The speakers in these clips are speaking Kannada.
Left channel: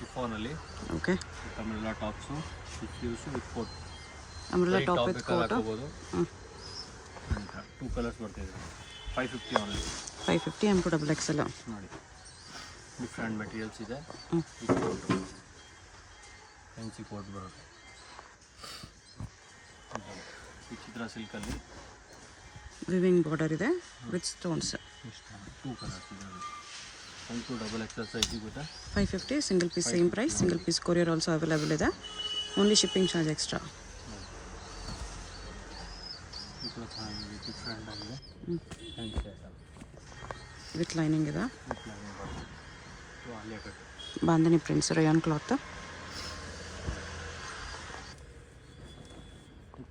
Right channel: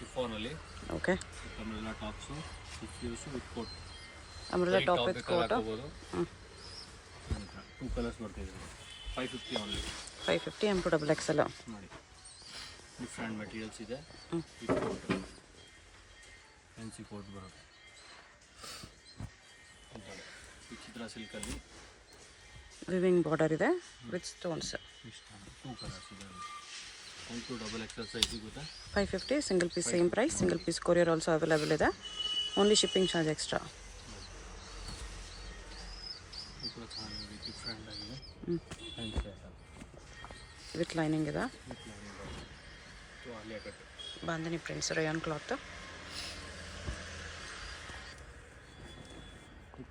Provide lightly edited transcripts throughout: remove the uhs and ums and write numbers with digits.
ಶಿಫಾನಲ್ಲಿ. Okay. Umbrella tops sleeves with coat. Umbrella top with coat. ಹ್ಞೂ 2 ಕಲರ್ಸ್ ಬರ್ತಿದೆ. 550 ಓನ್ಲಿ. 550 M to XXL ನೋಡಿ. ಡಿಫ್ರೆಂಟ್ ಮೆಟೀರಿಯಲ್ಸ್ ಇದೆ. ಫ್ಯಾನ್ಸಿ ಕೋಟ್ ಬರುತ್ತೆ. ವಿಚಿತ್ರ ಸಿಲ್ಕಲ್ಲಿ ವಿವಿಂಗ್ ಬಾರ್ಡರ್ ಇದೆ ವಿತ್ ಸ್ಟೋನ್ಸ್. 2 ಕಲರ್ಸ್ ಇದೆ. 1 to XXL ಸೈಜ್ ಸಿಗುತ್ತೆ. 550 single piece same price. Single piece courier also available ಇದೆ. Only shipping charge extra. Different ಆಗಿದೆ. ವಿತ್ ಲೈನಿಂಗ್ ಇದೆ. Alia cut bandhani prints rayon cloth.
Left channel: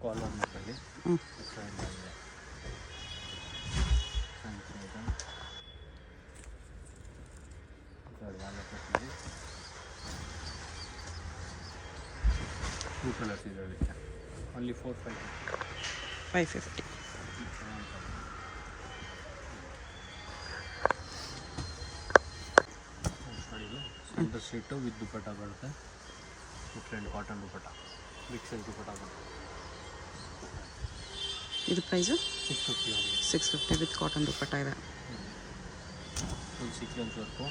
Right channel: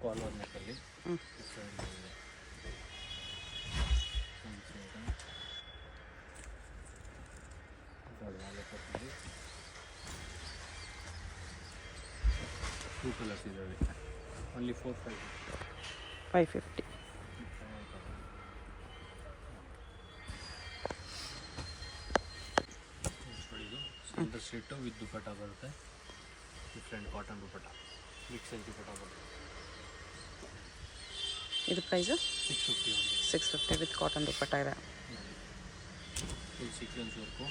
Collar ನೆಕ್ಕಲ್ಲಿ different ಆಗಿದೆ. ನೋಡಿ ಆಲಿಯಾ ಕಟ್ಟಲ್ಲಿ 2 ಕಲರ್ಸ್ ಇದರಲ್ಲಿ. Only 550. Centre street with dupatta ಬರುತ್ತೆ. Different cotton dupatta, big size dupatta ಬರುತ್ತೆ. ಇದು price 650 only. 650 with cotton dupatta ಇದೆ. Full sequence work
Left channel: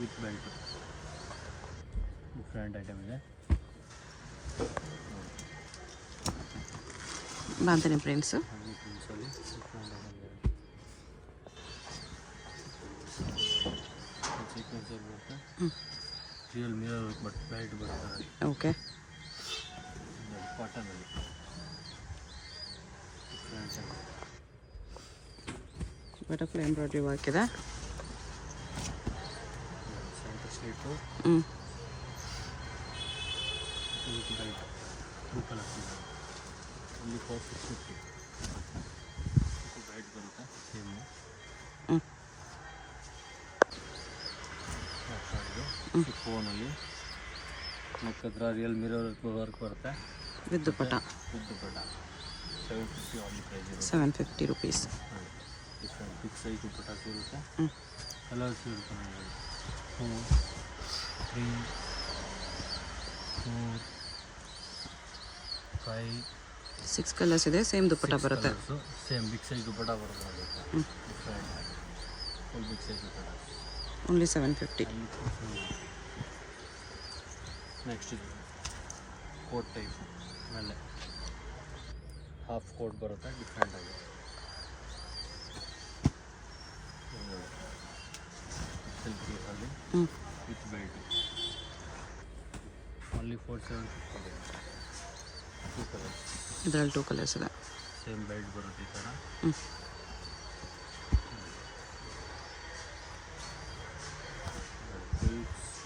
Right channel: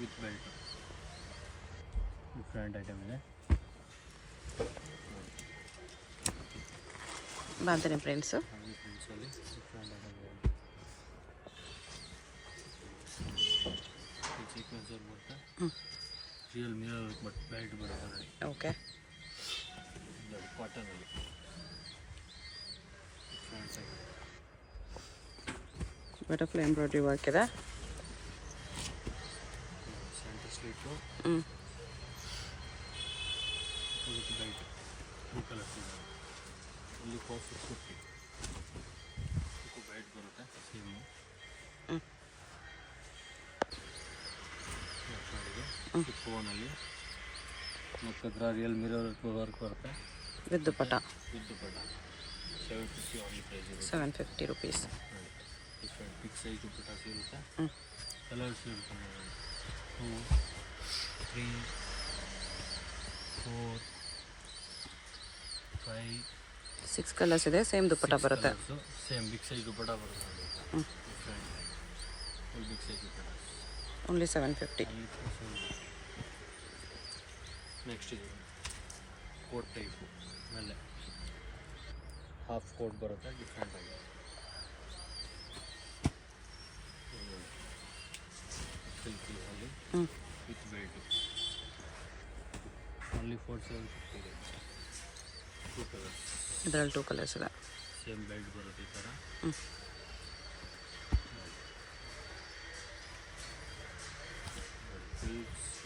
with belt. Different item ಇದೆ. ಬಾಂಧನಿ ಪ್ರಿಂಟ್ಸು. ಪ್ರಿಂಟ್ಸಲ್ಲಿ ಡಿಫ್ರೆಂಟ್ ಐಟಮ್ ಇದೆ. ಸೀಕ್ವೆನ್ಸ್ ವರ್ಕ್ ಬರುತ್ತೆ. Real mirror work but belt ಬರುತ್ತೆ ನೋಡಿ. ಓಕೆ. ಕಾಟನಲ್ಲಿ ಡಿಫ್ರೆಂಟ್ ಆಗಿದೆ. ಬ್ಯೂಟಿಫುಲ್ ಎಂಬ್ರಾಯ್ಡ್ರಿ ವರ್ಕ್ ಇದೆ. Centre slit with belt. 2 colours ಇದೆ. ಓನ್ಲಿ 450. ಬೆಲ್ಟ್ ಬರುತ್ತೆ ಸೇಮು. ಫೋನಲ್ಲಿ ನೆಕ್ ಹತ್ರ ರಿಯಲ್ ಮಿರರ್ ವರ್ಕ್ ಬರುತ್ತೆ ವಿತ್ ದುಪಟ್ಟ. 750 ಓನ್ಲಿ ಪ್ರೈಸ್ ಇದೆ. 750 rupees. ನೋಡಿ ಡಿಫ್ರೆಂಟ್ ಬಿಗ್ ಸೈಜ್ ದುಪಟ್ಟ ಸಿಗುತ್ತೆ. ಕಲರ್ಸ್ ಇರುತ್ತೆ. 2, 3, 4, 5, 6 ಕಲರ್ಸ್ ಇದೆ. ಸೇಮ್ ದುಪಟ್ಟ ಬರುತ್ತೆ. ಸೇಮ್ ಬಿಗ್ ಸೈಜ್ ದುಪಟ್ಟ ಬರುತ್ತೆ ನೋಡಿ. Different full big size dupatta. Only 750. Next ಇದು ಕೋಟ್ ಟೈಪು ಮೇಲೆ ಹಾಫ್ ಕೋಟ್ ಬರುತ್ತೆ. ಡಿಫ್ರೆಂಟ್ ಆಗಿದೆ. ಸಿಲ್ಕೀಸಲ್ಲಿ ವಿತ್ ಬೆಲ್ಟು. ಓನ್ಲಿ 4750 ಇದೆ. 2 ಕಲರ್ಸ್. ಇದರಲ್ಲಿ 2 ಕಲರ್ಸ್ ಇದೆ. ಸೇಮ್ ಬೆಲ್ಟ್ ಬರುತ್ತೆ ಈ ಥರ.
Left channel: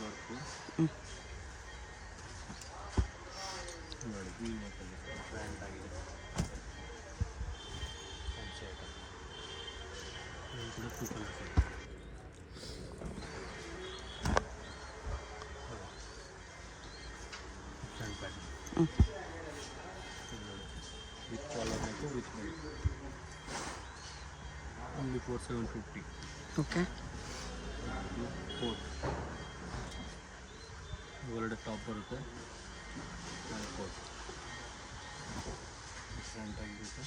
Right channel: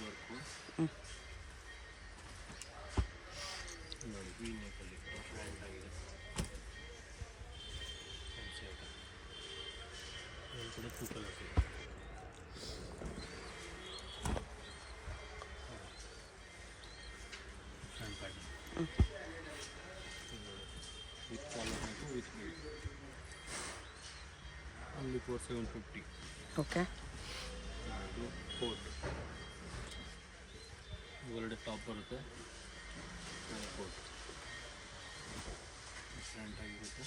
ವರ್ಕು ನೋಡಿ. ವಿ ನೆಕ್ಕಲ್ಲಿ ಡಿಫ್ರೆಂಟ್ ಆಗಿದೆ. Fancy item. ಇದರಲ್ಲಿ ಕೂಡ 2 ಕಲರ್ಸ್ ಇದೆ. Front pattern with collar neck with belt. Only 4750. Okay. ಇದು ಕೋಟ್. ಒಳಗಡೆ ಟಾಪ್ ಬರುತ್ತೆ. ಮೇಲೆ ಕೋಟ್ ಡಿಫ್ರೆಂಟ್ ಆಗಿರುತ್ತೆ.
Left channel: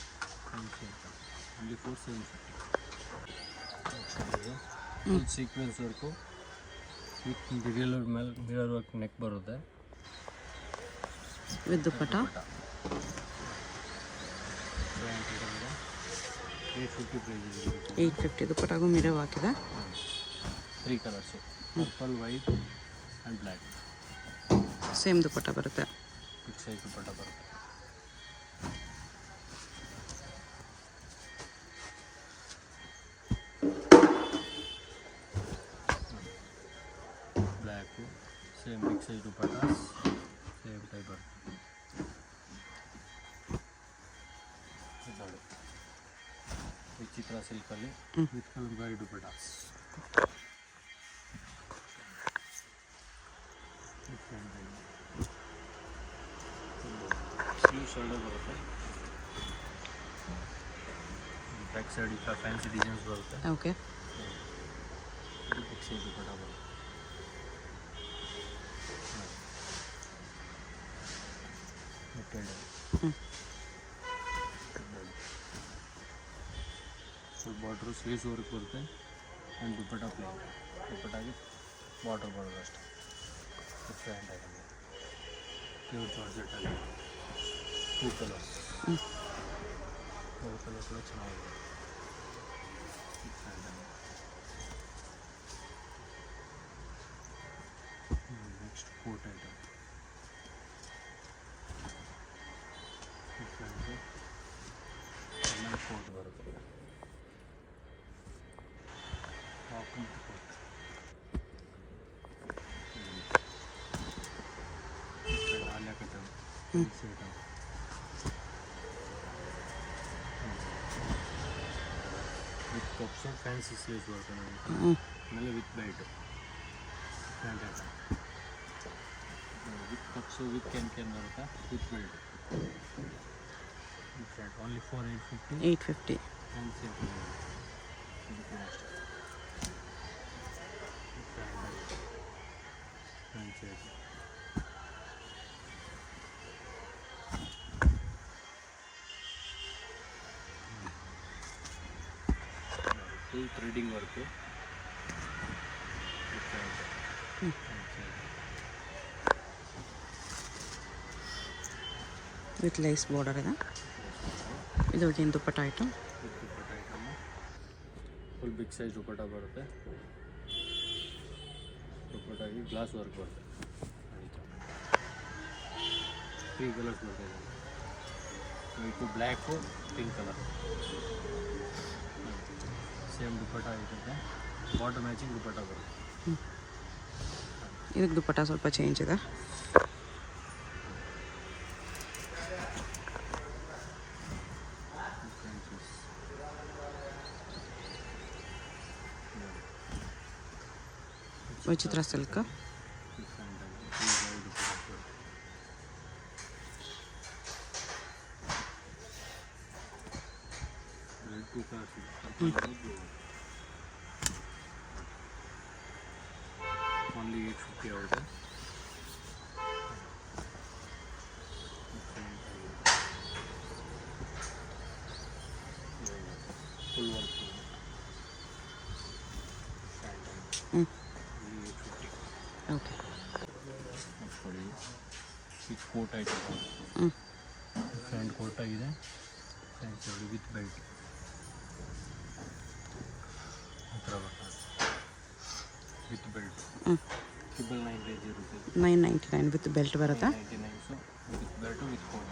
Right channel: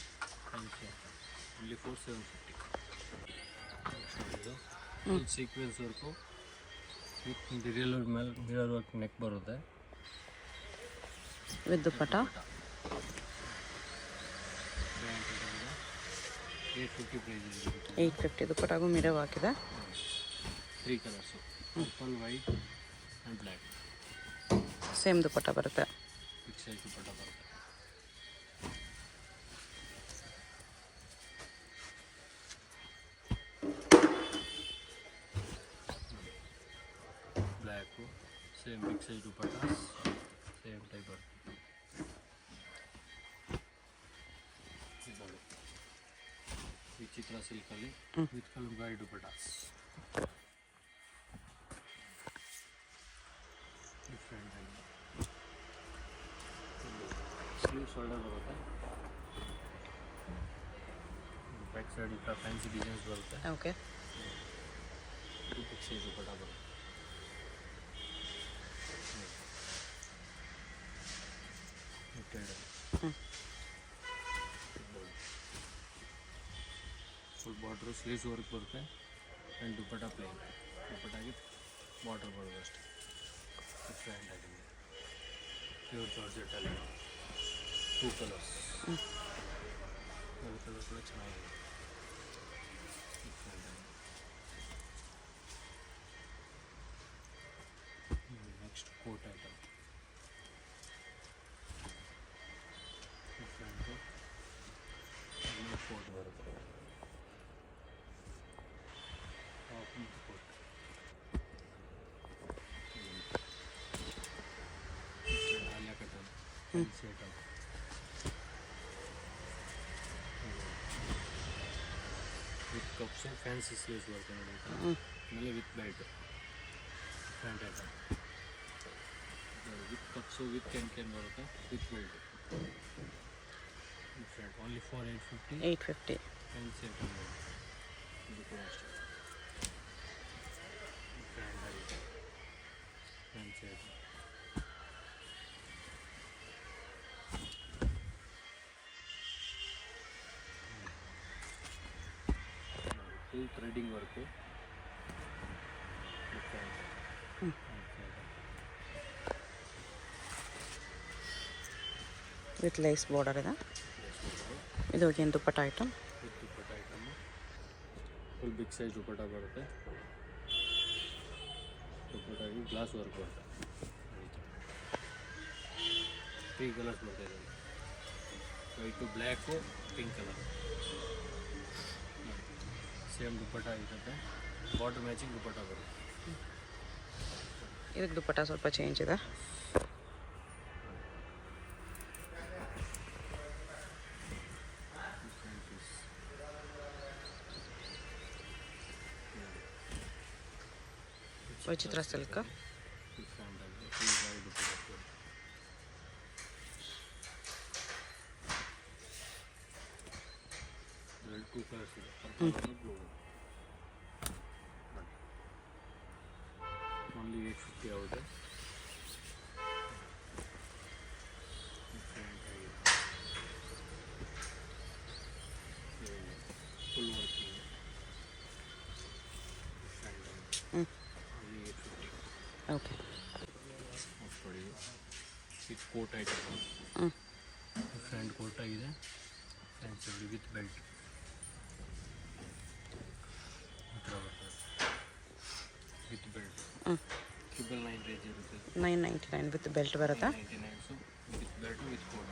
Fancy item. Only 4750. Full sequence work with real ಮೇಲೆ ಮಿರರ್ ವರ್ಕ್ ನೆಕ್ ಬರುತ್ತೆ ವಿತ್ ದುಪಟ್ಟ. ಬ್ರ್ಯಾಂಡ್ ಐಟಮ್ ಇದೆ. 850 ಪ್ರೈಸ್ ಇದೆ. 850 ದುಪಟ್ಟಾಗೂ ಮಿರರ್ ಹಾಕಿದೆ. 3 colours purple, white and black. Same dupatta ಬರುತ್ತೆ. ಬಿಗ್ ಸೈಜ್ ದುಪಟ್ಟ ಬರುತ್ತೆ. Black same big size dupatta same type ಬರುತ್ತೆ. ನೋಡಿ ವಿಚಿತ್ರ ಸಿಲ್ಕಲ್ಲಿ ವಿತ್ ಕಲರ್ ದುಪಟ್ಟ. ಡಿಫ್ರೆಂಟ್ ಆಗಿದೆ. ಸ್ಲೀವ್ ಶೋಲ್ಡರ್ ಬರುತ್ತೆ. ಬ್ಯಾಕ್ ಸೈಡ್ ಈ ಥರ ಫ್ಯಾನ್ಸಿ ಡಿಸೈನ್ಸ್ ಬರುತ್ತೆ. ಓಕೆ. ಇದು ಬಿಗ್ ಸೈಜ್ ದುಪಟ್ಟ ಬರುತ್ತೆ. Printed full border sleeves work ಬರುತ್ತೆ ಆ್ಯಂಡ್ ದುಪ್ಪಟ್ಟ ಪ್ಲೇನ್ ದುಪ್ಪಟ್ಟಾಗಿ ಬಾರ್ಡರ್ ಬರೋದು ಅಷ್ಟೇ ಡಿಫ್ರೆಂಟ್ ಆಗಿದೆ ಪ್ಯೂರ್ ಜಾರ್ಜೆಟಲ್ಲಿ 2 ಕಲರ್ಸ್ 2 ಕಲರ್ ಕೂಡ ಚೆನ್ನಾಗಿದೆ ಡಿಫ್ರೆಂಟ್ ಆಗಿದೆ ನೆಕ್ಸ್ಟ್ ಕೋಟ್ ಐಟಮ್ ಡಿಫ್ರೆಂಟು ಆಮೇಲೆ ಕೋಟ್ ಬರುತ್ತೆ ಟಾಪ್ ಮತ್ತು ಕೋಟ್ ಡಿಫ್ರೆಂಟ್ ಆಲಿಯಾ ಕಟ್ಟಮ್ fancy item with cuffs fancy sleeves ಬರ್ತದೆ ನಮಗೆ ಆಮೇಲೆ with light front item with cuffs with can ಬರುತ್ತೆ with belt different only for 850 fancy item ಇದು ಕೂಡ ಅಷ್ಟೇ ಡಿಫ್ರೆಂಟ್ ಆಗಿದೆ fancy item full threading work different with lace border ಇದೆ ಇದು ಏನು dupatta item with dupatta item full big size dupatta ಬರುತ್ತೆ ದುಪ್ಪಟ್ಟಾಗಿ ಗ್ಲಾಸ್ ವರ್ಕ್ ಬರುತ್ತೆ 3 ಕಲರ್ಸ್ ಬರ್ತಾ ಇದೆ white black pink colour same dupatta ಇರುತ್ತೆ ಬಾರ್ಡರ್ ಮ್ಯಾಚಿಂಗ್ ದುಪ್ಪಟ್ಟ ಬರುತ್ತೆ ಇದಕ್ಕೆ ದುಪ್ಪಟ್ಟ ಸ್ವಲ್ಪ ಚೇಂಜ್ ಇದೆ ವಿಚಿತ್ರ ಸಿಲ್ಕ್ ಡಿಫ್ರೆಂಟ್ ಆಗಿದೆ ಇದರಲ್ಲಿ 2 ಕಲರ್ಸ್ ಇದೆ ಪರ್ಪಲ್ ಬ್ಲೂ ಓನ್ಲಿ 850 ಆಗುತ್ತೆ ಡಿಫ್ರೆಂಟ್ ಆಗಿದೆ ಫುಲ್ ವರ್ಕ್ ಡಿಫ್ರೆಂಟ್ ಆಗಿದೆ ಓನ್ಲಿ 850 ಓಕೆ ನೆಕ್ಸ್ಟ್ ನೋಡಿ with coat item different coat ಆಗಿದೆ ಫ್ಯಾನ್ಸಿ ನೋಡಿ ವಿತ್ ಬೆಲ್ಟ್ ಈ ಥರ ಬರ್ತದೆ ವಿತ್ ಬೆಲ್ಟ್ 999 ರೇಂಜ್ ಇರುತ್ತೆ $9.99 ವಿತ್ ಬೆಲ್ಟ್ ಬರುತ್ತಾ 999 with belt with coat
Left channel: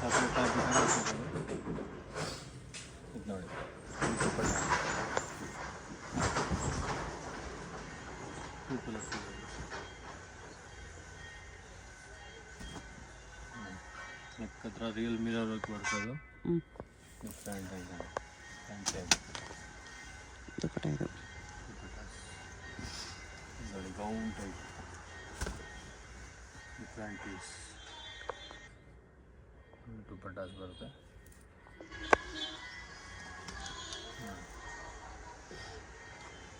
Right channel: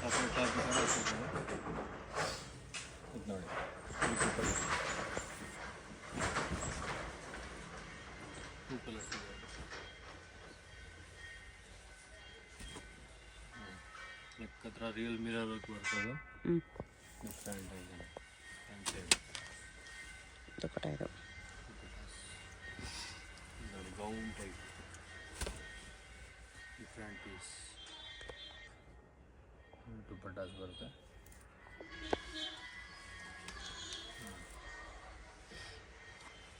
chocolate top ಇದು ನೋಡಿ ವಿತ್ ದುಪ್ಪಟ್ಟ 2 ಕಲರ್ಸ್ ಇದೆ ನೆಕ್ ಹತ್ರ ರಿಯಲ್ ಮಿರರ್ ವರ್ಕ್ ಬರ್ತದೆ ಡಿಫ್ರೆಂಟ್ ಆಗಿದೆ ಫ್ಯಾನ್ಸಿ ಆಗಿದೆ ದುಪ್ಪಟ್ಟ ಇದು ನೋಡಿ gown type different piece dupattas ಬರುತ್ತೆ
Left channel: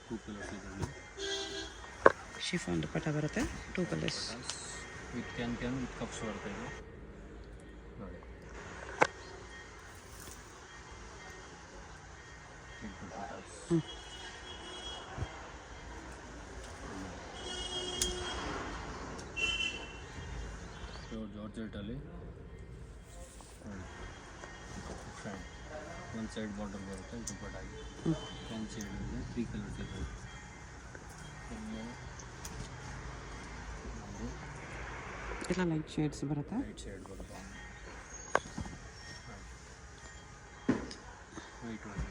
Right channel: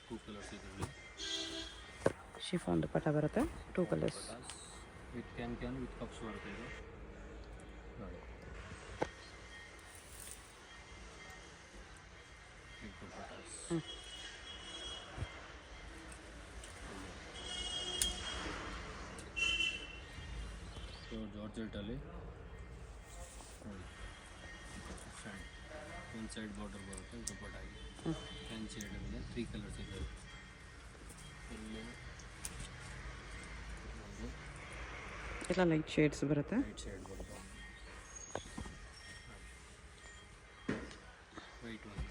ಟೂ ಕಲರ್ಸ್ ಇದರಲ್ಲಿ ಶಿಫಾನ್ ದುಪ್ಪಟ್ಟ ಬರುತ್ತೆ 2 colours with can with cups ಬರುತ್ತೆ ಇದು ನೋಡಿ ದುಪ್ಪಟ್ಟಾಸ್ ಪ್ಯೂರ್ ಜಾರ್ಜೆಟಲ್ಲಿ ನೋಡಿ ಡಿಫ್ರೆಂಟ್ ಒಂದು ಸೈಡ್ ಬಾರ್ಡರ್ ಬರುತ್ತೆ ದುಪ್ಪಟ್ಟಾಗಿ ಫ್ಯಾನ್ಸಿ ಇದೆ 3 ಕಲರ್ಸ್ ಇದೆ ಒಂದು ಎಲ್ಲ ಲೈಟ್ ಶೇಡ್ಸ್ ಬರುತ್ತೆ ವೈಟ್ ಶೇಡ್ ಬರುತ್ತೆ ವೈಟ್ ಒಂದು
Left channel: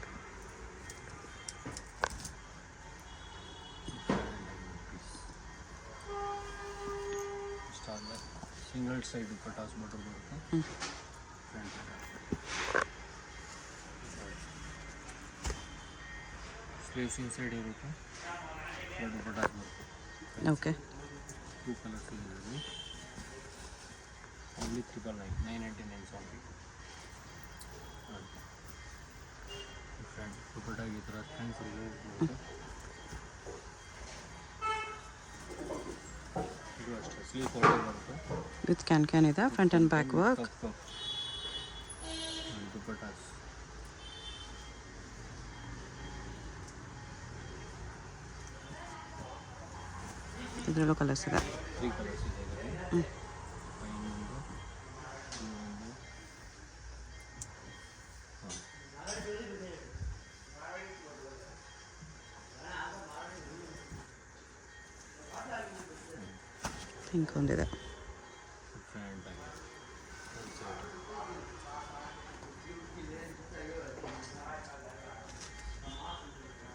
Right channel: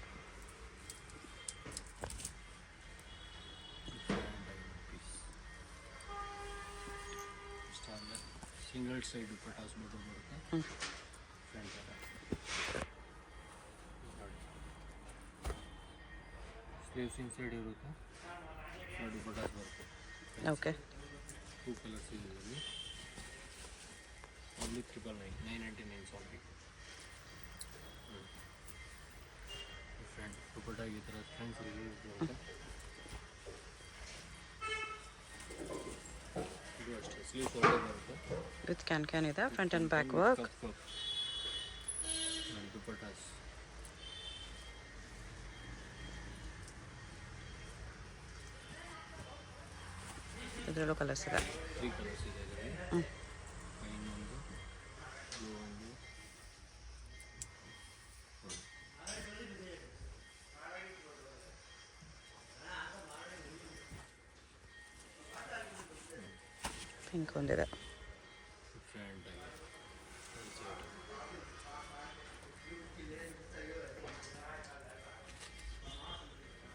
ಪೀಸ್ ಇಷ್ಟ ಆದರೆ ಸಿಂಗಲ್ ಸೈಡ್ ಪಟಾಸ್ ಬಾರ್ಡರ್ ಬರುತ್ತೆ ಫ್ರಂಟ್ ಸ್ಲೀವ್ಸ್ ಇನ್ಸೈಡ್ ಇರುತ್ತೆ ಫ್ರಂಟ್ ಪಟಾಸ್ ಬರುತ್ತೆ ಓಕೆ 2 ಕಲರ್ಸ್ ಇದರಲ್ಲಿ ಓನ್ಲಿ 999 ಸಾಂಗಿ ಫ್ರಂಟ್ ದುಪ್ಪಟ್ಟಾಗಿ ಈ ಥರ ಫ್ರೆಂಡ್ಸ್ ಬರುತ್ತೆ ಇದು ಅಷ್ಟೇ ಸ್ಲೀವ್ ಫೋಲ್ಡರ್ ಬರುತ್ತೆ. ವಿತ್ ಕ್ಯಾನ್ ಇದೆ, front and back work. Cup dupattas. ಇದರಲ್ಲೂ ಕಲರ್ಸ್ ಇದೆ. 3 ಕಲರ್ಸ್ ಇದೆ ಇದರಲ್ಲಿ. ಫೈನ್ ಒಂದು, ಬ್ಲೂ ಒಂದು, ಪಿಂಕ್ ಒಂದಿದೆ. ಡಿಫ್ರೆಂಟ್ ಆಗಿ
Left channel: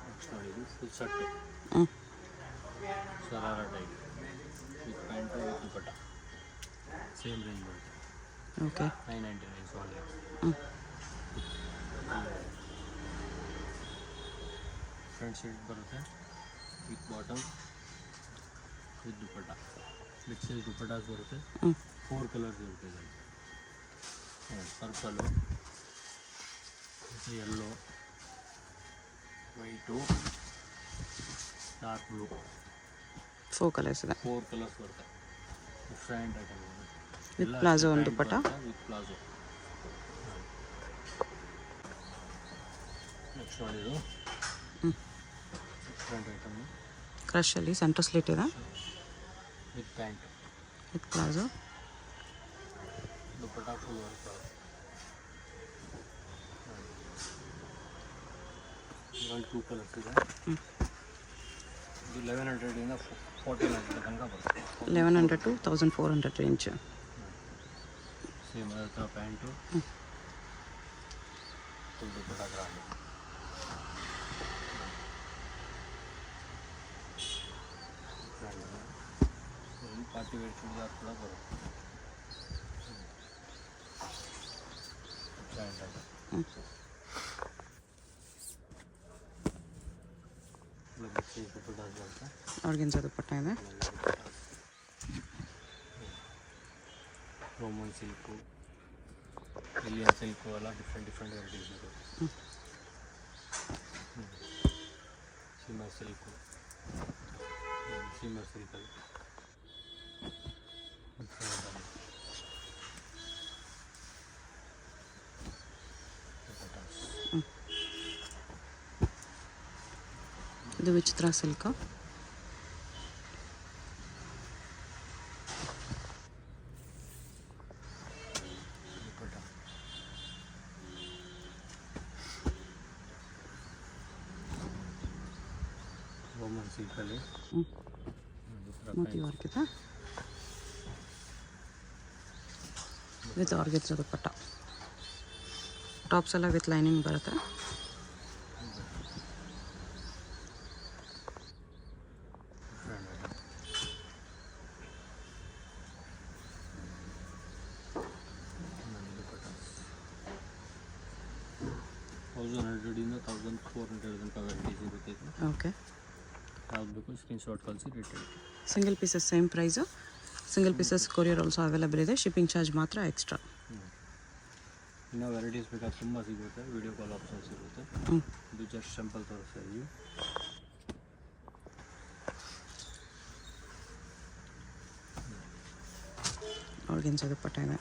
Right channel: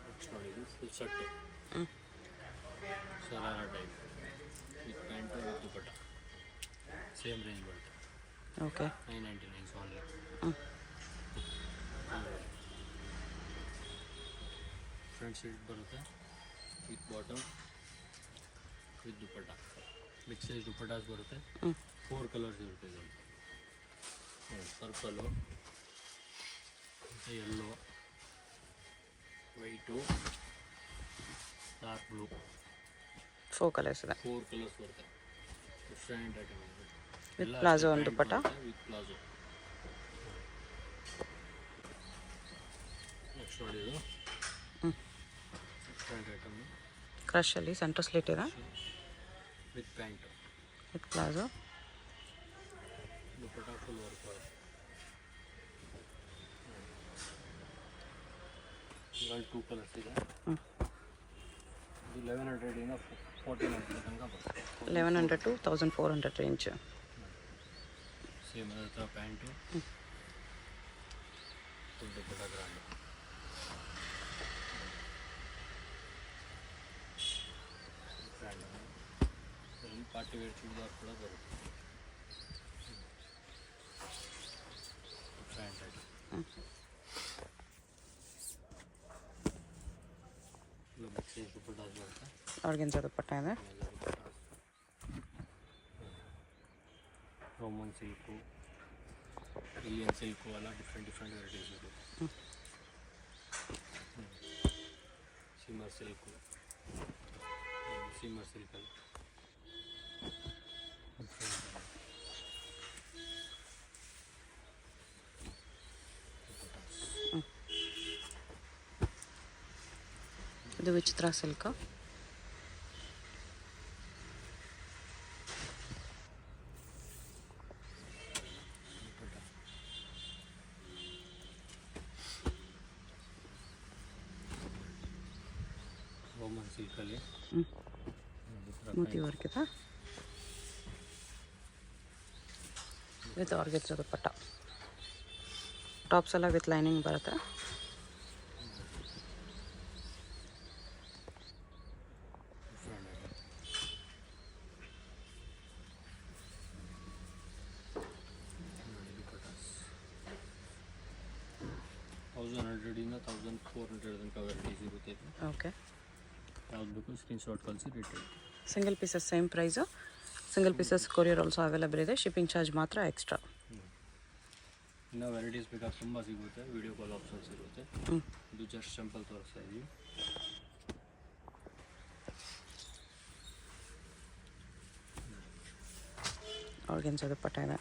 ನೆಕ್ಸ್ಟ್ ನೋಡಿ, ಇದು full shirt sharara type with pant with dupatta. Same range ಬರುತ್ತೆ. ಓಕೆ. 999 ಓನ್ಲಿ. ಫ್ರಂಟ್ ಸೈಡ್ ಬರುತ್ತೆ with bottom with dupatta. Mix size dupattas ಬರುತ್ತೆ. 4 ಕಲರ್ಸ್ ಇರುತ್ತೆ ಇದರಲ್ಲಿ. Purple, yellow, white, dark blue. 4 colours ಇದೆ. 4 ಕಲರ್ಸ್ ಬರುತ್ತೆ. ಡಿಫ್ರೆಂಟ್ ಐಟಮ್ ವಿತ್ ಪ್ಲಾಜೋ ಒಂದು ದುಪಟ್ಟ. With palazzo. ನೆಕ್ಸ್ಟ್ ನೋಡಿದ್ದು ಡಿಫ್ರೆಂಟ್ ಐಟಮು. ಕ್ರಶಲ್ಲಿ ಸೆಂಟರ್ ಸ್ಲಿಟ್ ಇದೆ with pant with palazzo. Dupatta full work. ಇದರಲ್ಲಿ 2 ಕಲರ್ಸ್ ಇದೆ. ಇದು 1100 1400 ತನಕ ಬರುತ್ತೆ. 1100 to 1400 ರೇಂಜ್. ಸೇಮ್ ಅದೇ ಥರ pant full dupatta grand. Party wear churidar ಕೂಡ ಬರುತ್ತೆ. ಬಿಗ್ ಸೈಜ್ ದುಪಟ್ಟಾಸ್ ಬರುತ್ತೆ. ಆರ್ಗೆನ್ಜಾ ದುಪಟ್ಟ ಇದೆ. ರೋಮನ್ ಸಿಲ್ಕು, ಇಲಿಯನ್ ಸಿಲ್ಕು ಎಲ್ಲ ಡಿಫ್ರೆಂಟ್ ವೆರೈಟೀಸ್ ಇರುತ್ತೆ. ಸಿಮರ್ ಸಿಲ್ಕು, ಸಿಮರ್ ಸಿಲ್ಕಲ್ಲಿ ಇದು ವಿಚಿತ್ರ ಸಿಲ್ಕ್. ರೋಮನ್ ಸಿಲ್ಕಲ್ಲಿ ಮೋತಿ ವರ್ಕ್ ಇದೆ ವಿತ್ ಆರ್ಗೆನ್ಜಾ ದುಪಟ್ಟ. ಟಾಪ್ಸ್ ಎಲ್ಲ ವಿತ್ ಲೈನಿಂಗ್ ಬರುತ್ತೆ. $1,100 $1,400 ತನಕ ವೆರೈಟೀಸ್ ಇರುತ್ತೆ. ಓಕೆ. ಯಾವ್ದು ಬೇಕು ಸ್ಕ್ರೀನ್ಶಾಟ್ ಕಳಿಸಿ ರೇಟ್ ಹೇಳಿ. Single pieces same price. Single pieces courier also available ಇದೆ. ಶಿಪ್ಪಿಂಗ್ ಚಾರ್ಜ್ ಮಾತ್ರ ಎಕ್ಸ್ಟ್ರಾ. ಇನ್ನೂ ವೆರೈಟೀಸ್ ಬೇಕಾದ್ರೆ ತುಂಬ ಸಿಗುತ್ತೆ. ವಿಡಿಯೋ ಕಾಲ್ ಆಪ್ಷನ್ಸ್ ಇರುತ್ತೆ. ಇದು ಜಸ್ಟ್ ಸಿಂಪಲ್ ತೋರಿಸ್ತಾ ಇದ್ದೀವಿ. ಆರ್ಗೆನ್ಜಾ ದುಪಟ್ಟ ಇದೆ.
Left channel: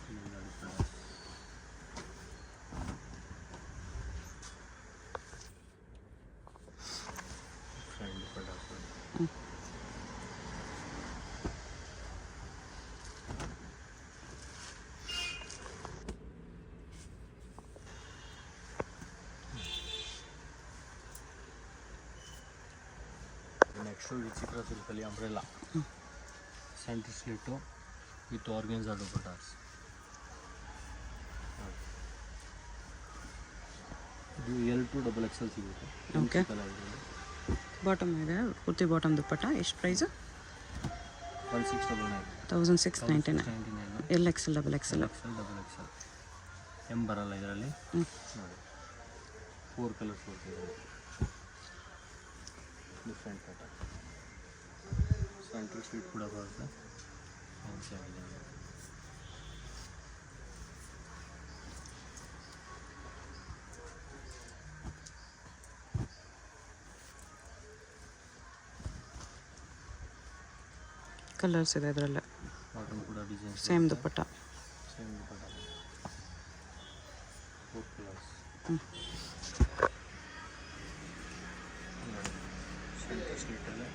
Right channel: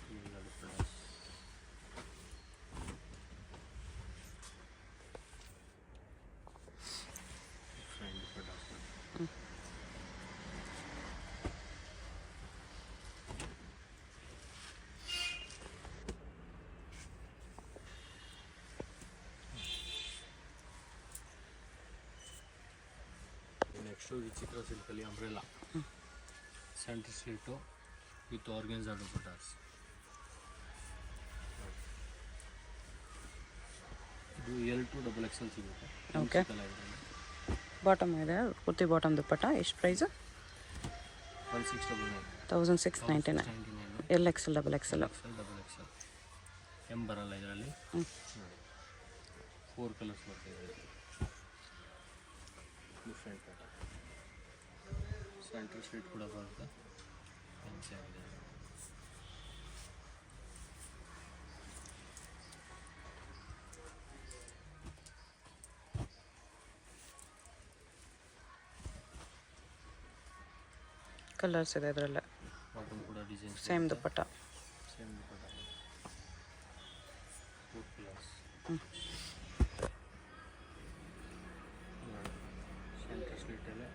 ನೆಕ್ಸ್ಟು ವಿಚಿತ್ರ ಸಿಲ್ಕಲ್ಲಿ umbrella centre slit with organza dupattas. ಇದು L to XXL ಸಿಗುತ್ತೆ. ಓಕೆ. ಬಾಟಮ್ ಇದೆ, ಕುರ್ತಿ ಬಾಟಮ್ ದುಪಟ್ಟ. ಎಷ್ಟು price? 1699. L XL XXL. M ಬರಲ್ಲ ಇದರಲ್ಲಿ. ನೋಡಿ 4 ಕಲರ್ಸ್ ಬರ್ತಿದೆ. Different pattern. ಸೆಂಟ್ರಲ್ ಸ್ಟ್ರೀಟ್ ಕೂಡ ಬರುತ್ತೆ. ಕಲರ್ಸ್ ಇದೆ ಅದರಲ್ಲೇ. ಬಾಟಮ್ ಕೂಡ ಡಿಸೈನ್ ಸೇಮ್ ದುಪ್ಪಟ್ಟ. ಸೇಮ್ ದುಪ್ಪಟ್ಟ 4 ಕಲರ್ಸ್. ನೋಡಿ ಸೆಂಟರ್ ಸ್ಲಿಟ್ಟಲ್ಲಿ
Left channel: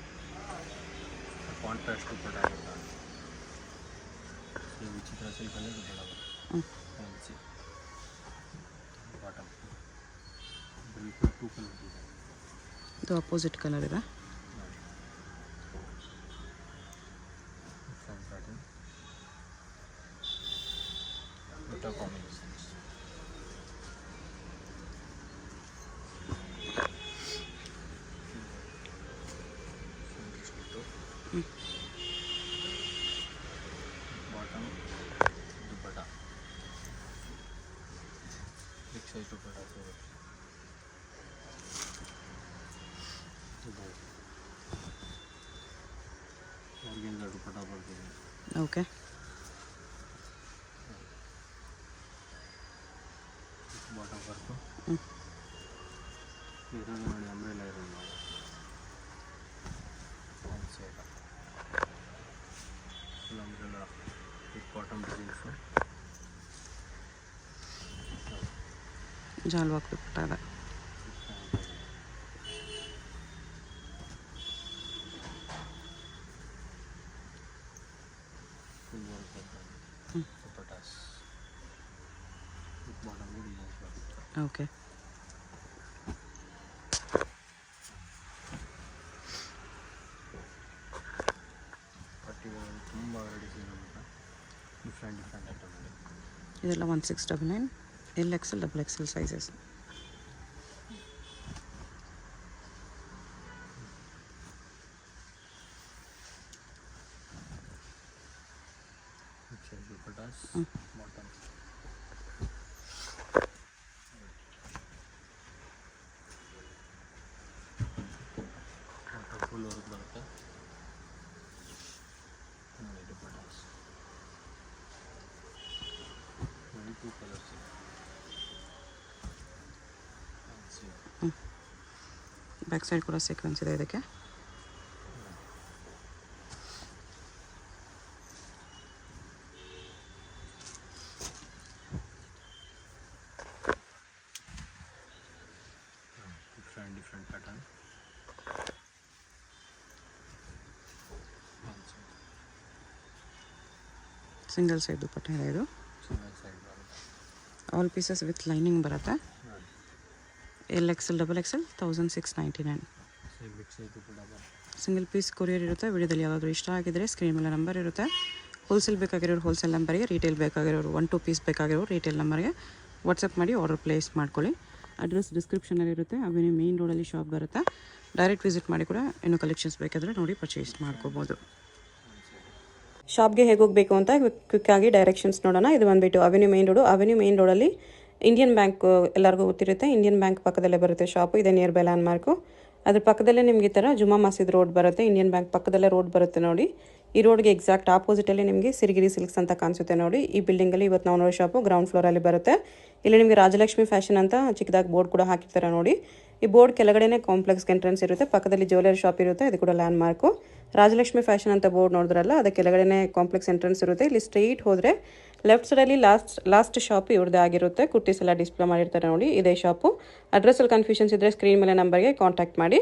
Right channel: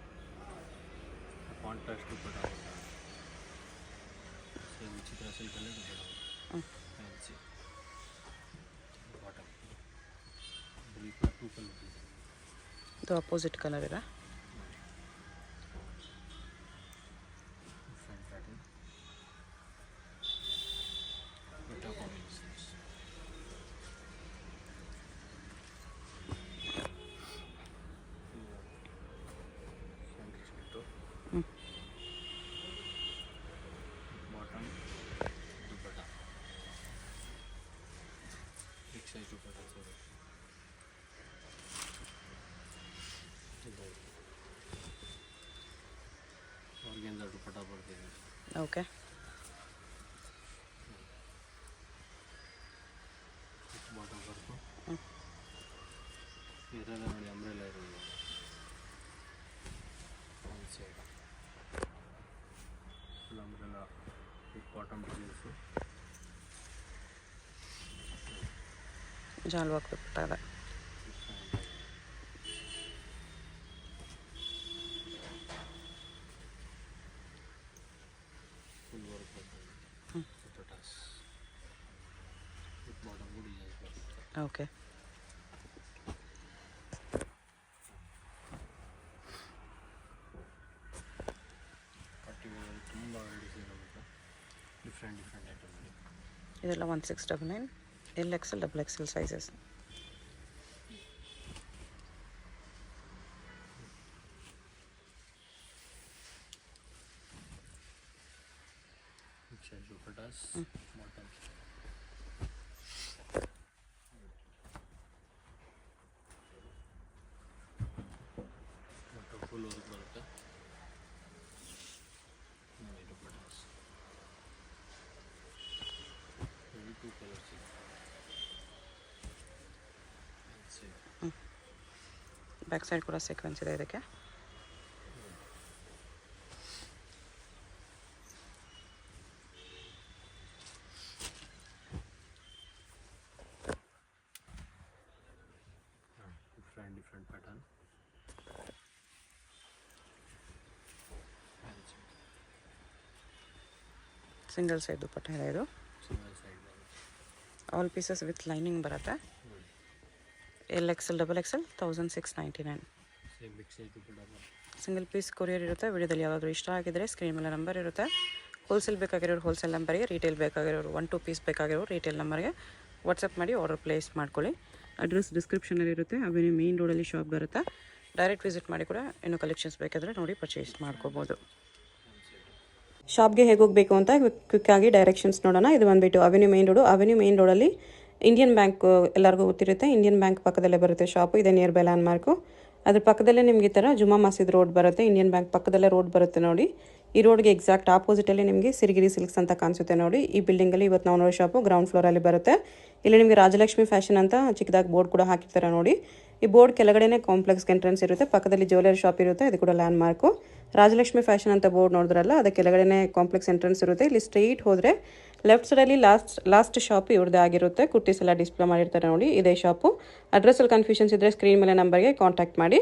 ಕಾಂಟ್ರಾಸ್ಟ್ ದುಪ್ಪಟ್ಟ ಆಗುತ್ತೆ. ಸೊ ವಿಚಿತ್ರ ಸಿಲ್ಕಲ್ಲೇ ದುಪ್ಪಟ್ಟ ಫ್ಯಾನ್ಸಿ ಬಾಟಮ್. ಇದರಲ್ಲಿ ಕೂಡ 2 ಕಲರ್ಸ್ ಇದೆ. ಇದು ಅಪೋಸಿಟ್ ಕಲರ್ ಇದೆ. ನೋಡಿ ಡಿಫ್ರೆಂಟ್ ಪ್ಯಾಟರ್ನ್ ದುಪ್ಪಟ್ಟ ಕಾಂಬಿನೇಷನ್ಸ್. ಸೆಂಟರ್ ಸ್ಲಿಟ್ಟು ಬಾಟಮ್ ದುಪ್ಪಟ್ಟ ಬಿಗ್ ಸೈಜ್ ದುಪ್ಪಟ್ಟ ಸಿಗುತ್ತೆ. ಇದು ಆರ್ಗೆನ್ಜಾ ದುಪ್ಪಟ್ಟ ಬರ್ತಿದೆ. ಓಕೆ. ಬಾಟಮ್ ವರ್ಕು ಇದ್ರಾಗ ನೋಡಿ ಅಂಬ್ರೆಲಾ ಇರೋದು ಒಂದು side full umbrella with bottom designs. ಜಾಲ್ವಾಕ್ ದುಪ್ಪಟ್ಟ ಇದೆ. ಫುಲ್ ವರ್ಕ್ ಬರ್ತದೆ ದುಪ್ಪಟ್ಟಾಸ್ ವಿತ್ ಬಾಟಮ್ ಡಿಸೈನ್ಸ್ ಬರುತ್ತೆ. ಓಕೆ. ಪಟ್ಟಿಗಳಲ್ಲಿ ತುಂಬ ಡಿಸೈನ್ ಬರುತ್ತೆ. ಡಿಫ್ರೆಂಟ್ ಐಟಮ್ ಇದೆ. ಇದೆಲ್ಲ 1699 LXL XXL sizes. Big size dupattas bottom. Bottom full work ಬರುತ್ತೆ. ನೋಡಿ ದುಪ್ಪಟ್ಟಾಸ್ 2 ಕಲರ್ಸ್ ಇದೆ. ಬ್ಯಾಕ್ ಸೈಡ್ ಕೂಡ ಸೀಕ್ವೆನ್ಸ್ ಇದೆ ಇದಕ್ಕೆ. Different pattern. Single side dupatta ಇದೆ ಇದು. ಸಿಂಗಲ್ ಸೈಡ್ ಬರುತ್ತೆ. ಆಲ್ ಪೀಸಸ್ ವಿತ್ ಲೈನಿಂಗ್ ಬರುತ್ತೆ. ನೋಡಿ LXL XXL 1699. Same big size dupatta ಬರುತ್ತೆ. ಸಿಂಗಲ್ ಪೀಸ್ ಕೊರಿಯರ್ ಇರುತ್ತೆ. ವಿಡಿಯೋದಲ್ಲಿ ಯಾವಾಗಲೂ ಇಷ್ಟ ಆಗಿದ್ರೆ ಸ್ಕ್ರೀನ್ ಮೇಲೆ ನಂಬರ್ ಇರುತ್ತೆ. ಹೋಲ್ಸೇಲ್ ಬೇಕಾಗಿರೋರು ಹೋಲ್ಸೇಲ್ ನಂಬರ್ಗೆ, ರಿಟೇಲ್ ಬೇಕಾಗಿರೋರು 1-2 ಪೀಸ್ ಬೇಕಾಗಿರೋರು ರಿಟೇಲ್ ನಂಬರ್ಗೆ ವಾಟ್ಸಪ್ ಮಾಡಿ ಆರ್ಡರ್ ಪ್ಲೇಸ್ ಮಾಡ್ಕೊಳ್ಳಿ. ಅಡ್ರೆಸ್ ಡಿಸ್ಕ್ರಿಪ್ಷನಲ್ಲಿ ಇರುತ್ತೆ. ಅವೆನ್ಯೂ ಮೇನ್ ರೋಡಲ್ಲಿ ಶಾಪ್ ಬರುತ್ತೆ. ಡೈರೆಕ್ಟ್ ವಿಸಿಟ್ ಮಾಡಿ ಕೂಡ ಇನ್ನೂ ಕಲೆಕ್ಷನ್ಸ್ ಬೇಕಾದರೆ ನೋಡಿ ಪರ್ಚೇಸ್ ಮಾಡ್ಕೋಬೋದು. ಶಾಪ್ಗೆ ಹೇಗೆ ಹೋಗಬೇಕು ಅಂತ ಕ್ವಿಕ್ಕಾಗಿ ಡೈರೆಕ್ಷನ್ಸ್ ನೋಡೋಣ. ಇದು ಬಂದುಬಿಟ್ಟು avenue main road. Avenue main ರೋಡಲ್ಲಿ ಇಂಡಿಯನ್ ಬ್ಯಾಂಕ್ ಎಲ್ಲರಿಗೂ ಗೊತ್ತಿರುತ್ತೆ. ಇಂಡಿಯನ್ ಬ್ಯಾಂಕ್ ಪಕ್ಕದಲ್ಲೇ ಬರುತ್ತೆ ಶಾಪು. ಇದೆ ನಿಯರ್ ಬೈ ಲ್ಯಾಂಡ್ ಮಾರ್ಕು. ಅದ್ರ ಪಕ್ಕದಲ್ಲೇ ನಿಮಗೆ ಈ ಥರ ಜುಮ್ಮಾ ಮಸೀದ್ ರೋಡ್ ಬರುತ್ತೆ. ಇಂಡಿಯನ್ ಬ್ಯಾಂಕ್ ಪಕ್ಕದಲ್ಲೇ ರೋಡ್ ಬರುತ್ತೆ ನೋಡಿ. ಈ ರೋಡ್ಗೆ ಎಕ್ಸಾಕ್ಟ್ ಆಪೋಸಿಟಲ್ಲಿ ನಿಮಗೆ ಸಿರಿಗಿರಿ ಸಿಲ್ಕ್ಸ್ ಅಂತ ಕಾಣಿಸುತ್ತೆ ನೋಡಿ. ಈ ಬಿಲ್ಡಿಂಗಲ್ಲಿ ಇವತ್ತು ನಾವು ನೋಡೋ ಶಾಪು ಗ್ರೌಂಡ್ ಫ್ಲೋರಲ್ಲಿ ಬರುತ್ತೆ. ಇಲ್ಲಿ ನಿಮಗೆ ರಾಜಲಕ್ಷ್ಮಿ ಫ್ಯಾಷನ್ ಅಂತ ಚಿಕ್ಕದಾಗಿ ಬೋರ್ಡ್ ಕೂಡ ಹಾಕಿರ್ತಾರೆ ನೋಡಿ. ಈ ಬೋರ್ಡ್ ಕೆಳಗಡೆನೇ ಕಾಂಪ್ಲೆಕ್ಸ್ ಎಂಟ್ರೆನ್ಸ್ ಇರುತ್ತೆ. ಪಕ್ಕದಲ್ಲಿ ಜ್ಯುವೆಲರಿ ಶಾಪ್ ಇರುತ್ತೆ. ಇದು ಕೂಡ ಲ್ಯಾಂಡ್ ಮಾರ್ಕು. ರಾಜಲಕ್ಷ್ಮಿ ಫ್ಯಾಷನ್ ಅಂತ ಬೋರ್ಡ್ ನೋಡಿದ್ರಲ್ಲ, ಅದಕ್ಕೆ ಕೆಳಗಡೆನೇ ಕಾಂಪ್ಲೆಕ್ಸ್ ಎಂಟ್ರೆನ್ಸ್ ಇರುತ್ತೆ. ಇಲ್ಲಿ ಸ್ಟ್ರೈಟ್ ಹೋದರೆ ಲೆಫ್ಟ್ ಸೈಡಲ್ಲಿ ಲಾಸ್ಟ್ ಶಾಪ್ ಇವ್ರದ್ದೇ ಆಗಿರುತ್ತೆ. ಕುರ್ತೀಸ್ ಎಲ್ಲ ಡಿಸ್ಪ್ಲೇ ಮಾಡಿರ್ತಾರೆ ನೋಡಿ. ಇದೇ ಶಾಪು. ಅಡ್ರೆಸ್ಸಲ್ಲಿ ಕನ್ಫ್ಯೂಷನ್ಸ್ ಇದ್ದರೆ ಸ್ಕ್ರೀನ್ ಮೇಲೆ ನಂಬರ್ಗೆ ಕಾಂಟ್ಯಾಕ್ಟ್ ಮಾಡಿ.